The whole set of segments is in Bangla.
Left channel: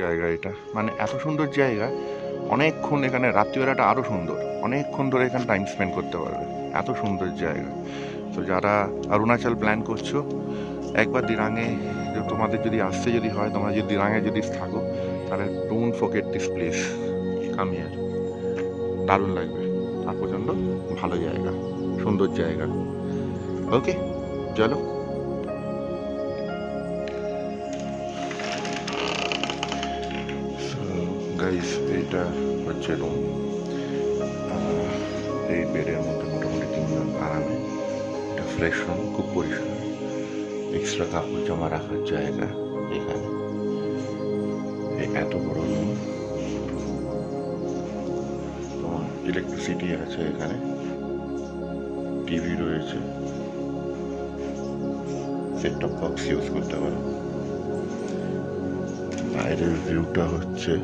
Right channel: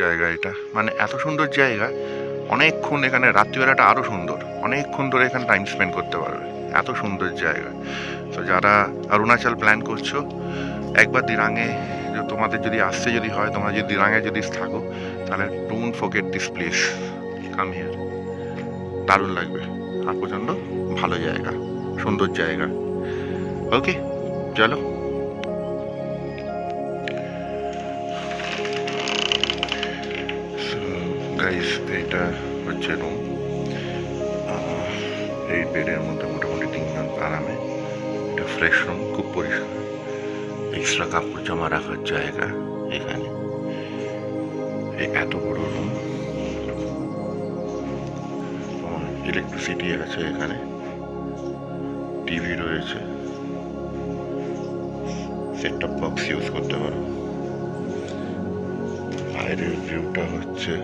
জায়গা এটা, মানে এত সুন্দর জায়গা, অনেকক্ষণ এখানে রাত্রিবেলাটা আরও সুন্দর, অনেকক্ষণ ধরে এখানে টাইম স্পেন্ড করতে পারবে, এত সুন্দর জায়গা। তো যারা অরুণাচল প্ল্যান করছো, একবার দিরাঙে তোমাদের যদি আসতে যদি হয়, তোমরা যদি দিরাঙে যদি থাকো, তাহলে don't forget this place, come here, দারুণ লাগবে। আর প্রচণ্ড ভালো জায়গা, সুন্দর জায়গা। ওকে, চলো। গাইস, এইটা হচ্ছে রুম। এই বেডের মধ্যে মোটামুটি 3 জন আরামে। এটা ফ্রেশ রুম, খুব পরিষ্কার, এক্সট্রা কাপড় জামা রাখার জায়গা এখানে। এত বড় রুম, তোমার ইলেকট্রিসিটি আছে এখানে, টিভি রয়েছে, সেট টপ বক্স ইউজ করতে পারো। বাইরের ভিউটা হচ্ছে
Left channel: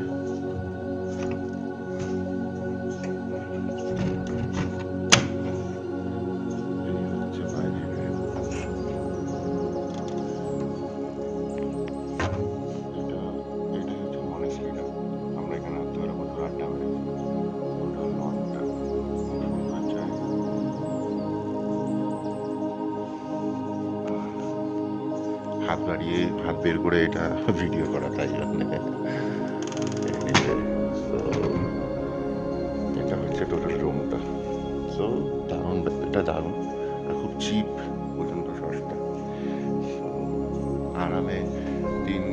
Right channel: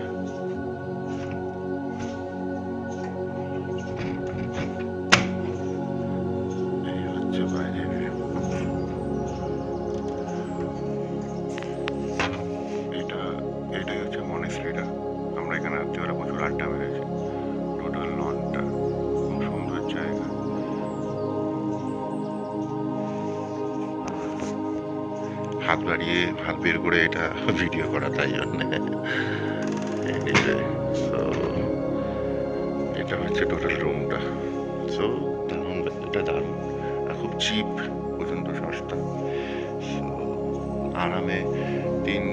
বাইরের ভিউ। এটাই হচ্ছে মনেস্ট্রিটা। আমরা এখানে রাত্রিবেলা প্রচুর আড্ডা মেরেছি। টোটাল লনটা খুব সুন্দর জায়গা। হাত বাড়িয়ে হাত বের করে এটা ভিডিও করা, তাই জন্যে। তো এটা হচ্ছে টোটাল রুমটা। সো দারুণ, এটা দারুণ, আর খুব চিপ, পর্যন্ত সস্তা। সো আরামে 3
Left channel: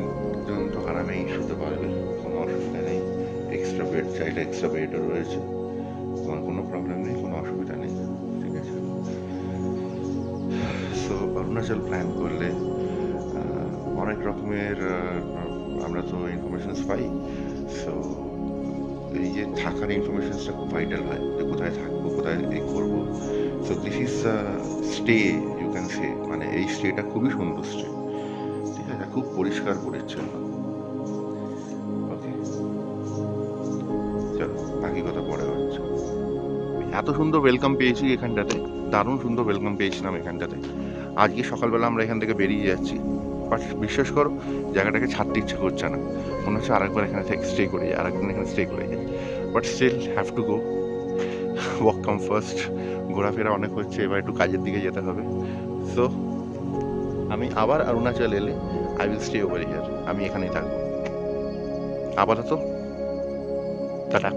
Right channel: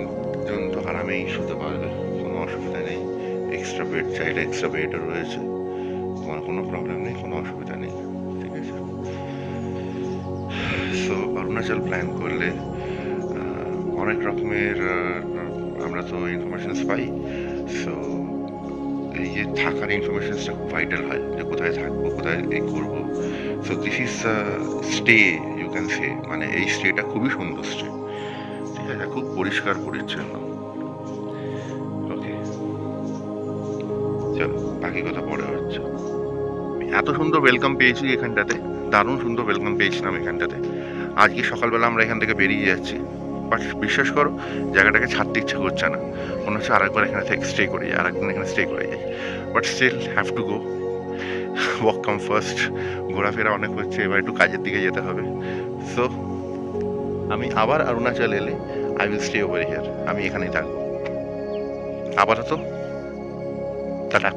জন তো আরামেই শুতে পারবে, কোনো অসুবিধা নেই। এক্সট্রা বেড চাইলে এক্সট্রা বেডও রয়েছে, তোমার কোনো প্রবলেম নেই, কোনো অসুবিধা নেই, ঠিক আছে। সো অরুণাচল প্ল্যান করলে অনেক রকমের আমরা তো ইনফরমেশনস পাই। সো এই যে থাকার ইনফরমেশনসটা খুব ভাইটাল হয়, যে কোথায় থাকবো, কোথায় এই করবো। So this is stay, you can say, মানে এই স্টেটা খুবই সুন্দর স্টে, ঠিক আছে, খুব পরিষ্কার পরিচ্ছন্ন। ওকে, চলো বাকি কথা পরে হচ্ছে। এত সুন্দর ওয়েলকাম পেয়েছি এখানটাতে, দারুণ সুন্দর ওয়েলকাম পেয়েছিলাম এখানটাতে। আজকে সকালবেলা আমরা এখান থেকে বেরিয়ে যাচ্ছি, বাট বিশ্বাস করো জায়গাটাকে ছাড়তে ইচ্ছে করছে না, মনে হচ্ছে আরেকবার এখানে থেকে স্টে করে যাই, আরেকদিন এখানে স্টে করে যাই, but still have to go, walk come first. ঘোরাফেরা অনেক হচ্ছে, এবার একটু কাজের দিকে যেতে হবে। সো আমি আবার অরুণাচল এলে I will stay over here, আমি এখানেই থাকবো আপাতত। টাটা।